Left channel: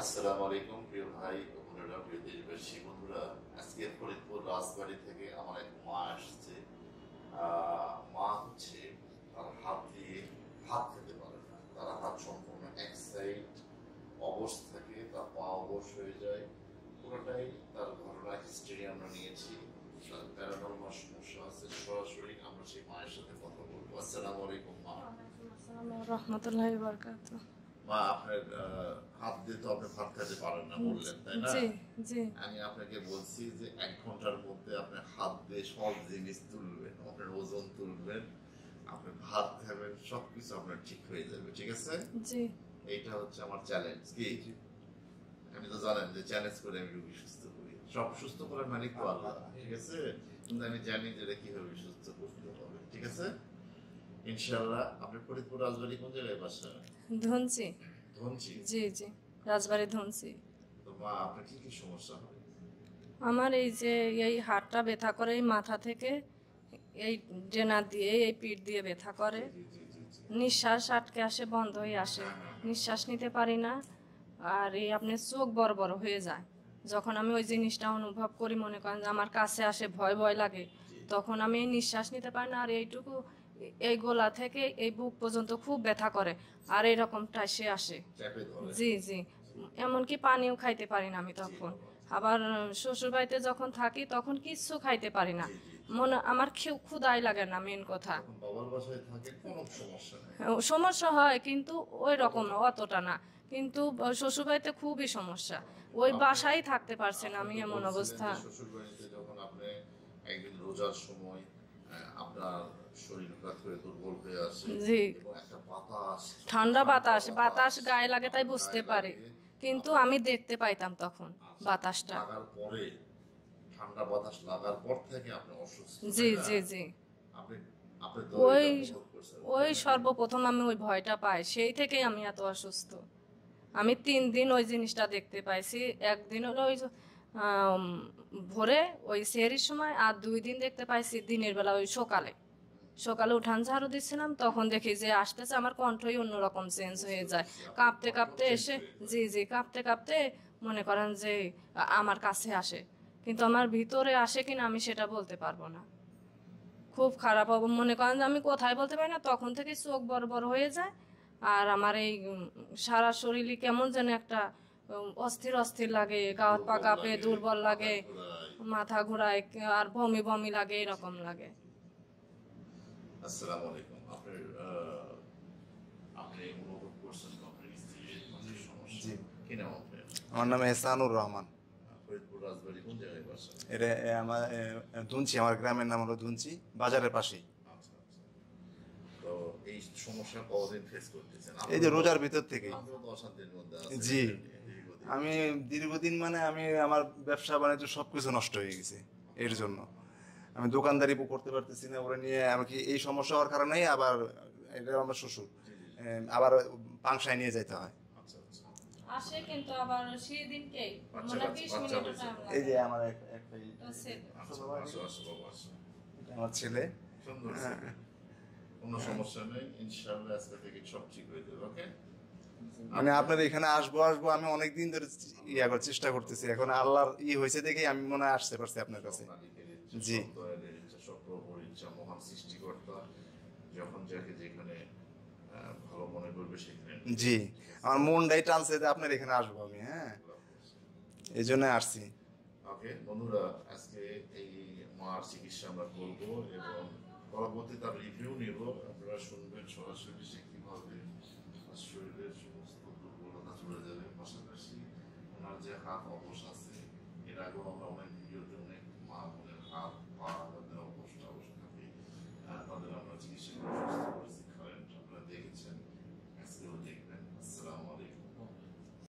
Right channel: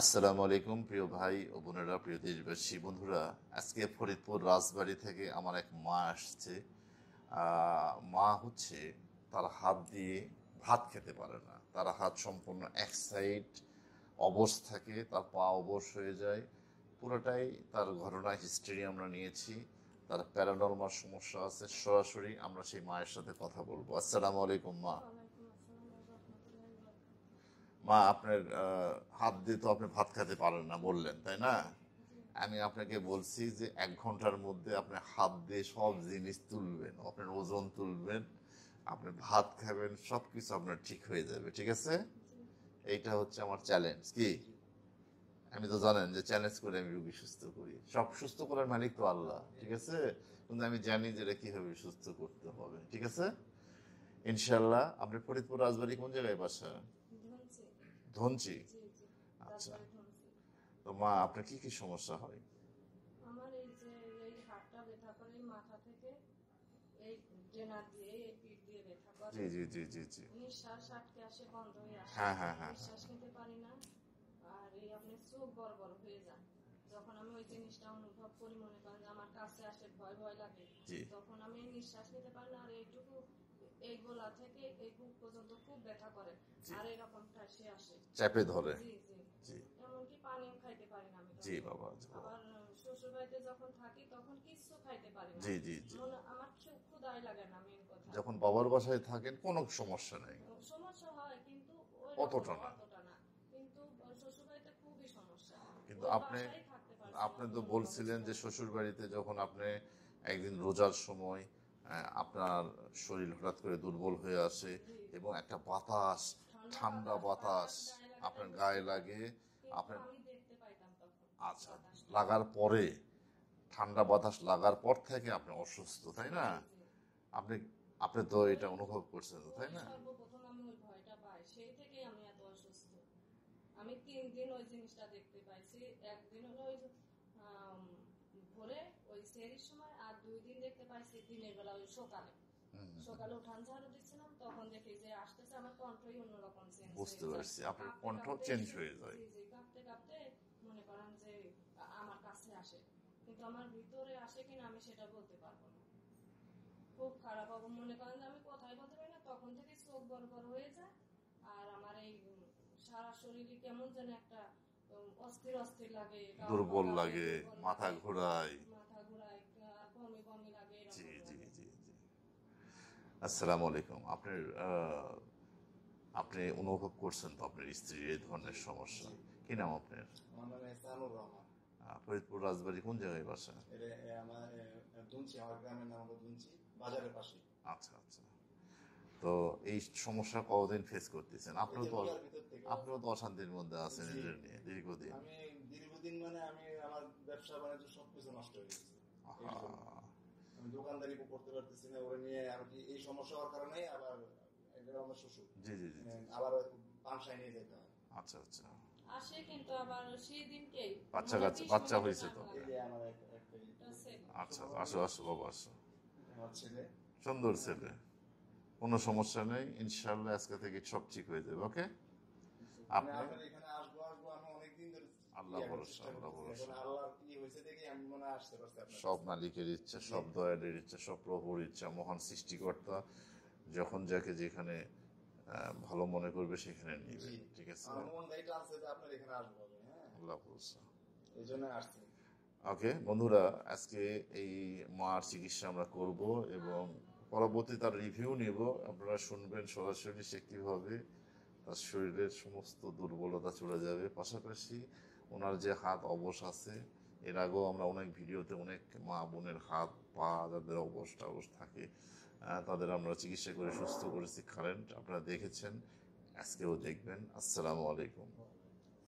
আসসালামু আলাইকুম প্রিয় ভাই ও বোনেরা, প্রিয় দেশবাসী বন্ধুরা। আজকে ফরিদপুর রাজবাড়ি থেকে আমার এক মা আসছে। মা হচ্ছে তার হাত দিয়ে ভাত খেতে পারে না, তার হাত সম্পূর্ণ এক সাইড অবশ থাকে, তার পা অবশ হয়ে যায় পুরোটাই। তার ঘটনা হিস্ট্রি আমরা নিয়েছি, তার প্যারানরমাল সমস্যা আছে। সরাসরি আমরা সেই মায়ের সাথে কথা বলবো। আসসালামু আলাইকুম মা। রহমতুল্লাহি বারাকাতুহু। মা, আপনার হাত দিয়ে তো আপনি ভাত খেতে পারেন না বললেন, তাই না? জি জি আমি আপনাকে বলছি যে 1 ঘন্টার মধ্যে আপনি হাত দিয়ে সব জিনিস তুলবেন, আপনার ওজন তুলবেন, আপনি ভাত খাবেন, সবকিছু আপনার ঠিক হয়ে যাবে, ঠিক আছে? জি এইটা হচ্ছে আমার চ্যালেঞ্জ। কি, আমি তো জানেন যে চ্যালেঞ্জ করে আমি রোগী সুস্থ করি। সব সুস্থ করার মালিক তো আল্লাহ, ঠিক আছে? কিন্তু আমি জানি যে এটা কিভাবে সুস্থ করতে হবে, ঠিক আছে? ইনশাল্লাহ। আপনার ফরিদপুর রাজবাড়ি কোন জায়গায় বাসা? ধনসি। ধনচি। জি জি, রাজবাড়ি ধনসি। তো মা, আপনার কি কি সমস্যা হয়? আমার এই যে এই হাতটা ব্যথা করে, এই মাথা থেকে এই ডেনা দিয়ে এই পিঠ দিয়ে ব্যথা করে। জি জি জি জি জি। নিঃশ্বাস আটকে আসে, বন্ধ হয়ে আসে, হ্যাঁ হ্যাঁ হ্যাঁ। নিঃশ্বাস নিতে পারি না। আর এই আপনার চোখ বড় বড় হয়ে যায় যখন আমি ওই জিনিসটা অনুভব করি। মনে করেন যে আমার কাছে আসে, ভয় ভয় লাগে, জি। তখন আমি এই নিঃশ্বাস নিতে পারি না। আর এইটুকু এই গলা থেকে এই বুক পর্যন্ত খুব ব্যথা করে, আর এরকম টাইসে আসে, চাপে ধরে। জি জি। জি এমনকি পানিও খাইতে পারি না আমি জি তখন। বাবা, জি। আবার শ্বশুর বাড়িতে যখন থাকি তখন কিচ্ছু খাইতে পারি না। জি জি জি। মনে আমার ক্ষুধাই লাগে না, মেন কথা। যখন বাবার বাসায় থাকেন কোনো সমস্যা নেই। সমস্যা হয় কিন্তু ওই রকম অতটা। অতটা না। কিন্তু শ্বশুর বাড়িতে খুবই সমস্যা, কিন্তু ওই আপনি বাসায় থাকতে পারছি না আপনি আমি, তো এমন বলছিলেন অবস্থা। যে শ্বশুর বাড়িতে যখন আপনি একদিন রোজার সময় আপনার শরীর হঠাৎ করে দুর্বল হয়ে আসে জি, এবং একটা বাতাস, ঠান্ডা বাতাস বাতাস গায়ে লাগে, তাই আপনার বুঝতে গায়ে পারি। লাগে। কিন্তু আপনি আমি দেখতে পাইতাম তখন আচ্ছা, বাতাসটা। লাগার পরে, ঠান্ডা বাতাস লাগার পর থেকে আপনি অসুস্থ, জি তাই না? জি জি। আপনি আপনি তো ওই এটা অনুভব করছেন, ওই তাই না? সর্বপ্রথম আমি ওই ভয়টা পাই, সেই থেকেই আমি এত অসুস্থ। আমি 3 দিন ওই জিনিসটা দেখতে পাইছি। একদিন হলো ওই যে, আম, ভোরে ওই সেহরির সময়, আর 2 দিন দেখতে পাইছি দিনের বেলা ওই সকালে। সকালে উঠান ঝাড়ু দিচ্ছিলাম, তখন দেখি যে আসতেছে, আমার কণ্ঠই অন্যরকম চেঞ্জ বুঝতে হয়ে যায়। পারছি, আপনার কাঁপতে কন্ট্রোল কাঁপতে চেঞ্জ এসে, হয়ে যায়। জি জি, কাঁপতে কাঁপতে মনে করেন যে আমার কাছে আসে, কিন্তু আমার ভিতরে আসে কিনা আমি সেটা বলতে পারবো না। খুব খারাপ হবে, মনে করেন যে আমি কোথায় বলতে পারি না, তখন থেকে চোখ বড় বড় হয়ে যায়। আর আমার এই সারা শরীরই কেমন যেন একটা অস্থির অস্থির লাগে, গা হাত পা দুর্বল কাঁপে, লাগে, দুর্বল মাথা লাগে, ঘোরায়। মাথা ঘোরায়, আর বমি বমি লাগে, জি এরকম জি লাগে। জি জি। আসসালামু আলাইকুম। আপনার আপনি অনুভব করছেন তো আপনার স্ত্রীর এই ধরনের সমস্যা? জি, কি নাম আপনার? আমার নাম এহসানুর রহমান। ফরিদপুর রাজবাড়ি কোন জায়গায় বাসা? এটা আমার ধুনচি, আমার গ্রামের নাম হলো ধুনচি, বাজারের পাশেই। আচ্ছা আচ্ছা। তো এই সমস্যা কতদিন ফেস করতেছেন? এই যে রোজার ভিতর থেকে। আপনিও তো অশান্তির মধ্যে আছেন জি, এটা নিয়ে দীর্ঘদিন। আমি দীর্ঘদিন মানে আমি আমার ব্যবসা বাণিজ্য সবকিছু নষ্ট হয়ে গেছে এর জন্য। আমি দোকানদারি করতে পারতেছি না, ওরা নিয়ে আমাকে এই সমস্যা হওয়ার কারণেই আবার এটা আমার শ্বশুর জি জি জি। আবার পাংশায় নিয়ে যেতে হয়। আচ্ছা আচ্ছা। আসে কিন্তু আবার সেই দিনকে বাচ্চা মানে কাচ্চা 20 বাচ্চা মিনিট হয়েছে টাইম তো? এই লাগে। যে আমার একটা তো ছেলে। আচ্ছা, আসো আসো বাবা আসো। এটা আমার ছেলে। সুন্দর ছেলে, কোনো সমস্যা নেই, ইনশাল্লাহ আজকে থেকে সব ঠিক হয়ে যাবে। ওকে। আমি আপনার এখানে আসবো আসবো আমি অনেকদিন ধরে করার চেষ্টা করতেছি, এখন আল্লাহর হয়েছে দেখে আমি মনে হয় আসতে পারছি আপনার সব কাছে। মালিকের ইচ্ছা, জি। সব দয়ালের ইচ্ছা, সব প্রভুর ইচ্ছা, মহান সৃষ্টিকর্তা যখন যাকে যেখানে ভালো মনে করবে সেখানে নিয়ে জি, যাবে, ঠিক আছে? আমার মনটাই টানছে যে আপনার এখানে আসবো আমি, হ্যাঁ, আল্লাহ হাফেজ। এই জন্য আসছি। ওকে বন্ধুরা, আজকে এই মার চিকিৎসা আমরা করব এবং পরবর্তী তার রিভিউ নেব। আপনারা শুনবেন সরাসরি সে কীভাবে তার শরীরের সমস্ত দুর্বলতা চলে যাবে। পাশাপাশি ওনার যে হাত অবশ আছে, এর আগেও আমরা অনেক ভিডিওতে অনেক মা বোনের হাত পা যাদের অবশ টবশ থাকে, তাদের আমরা চিকিৎসা করে সুস্থ করেছি। কারেন্ট আপনারা দেখেছেন, আজকেও দেখবেন। আসসালামু আলাইকুম।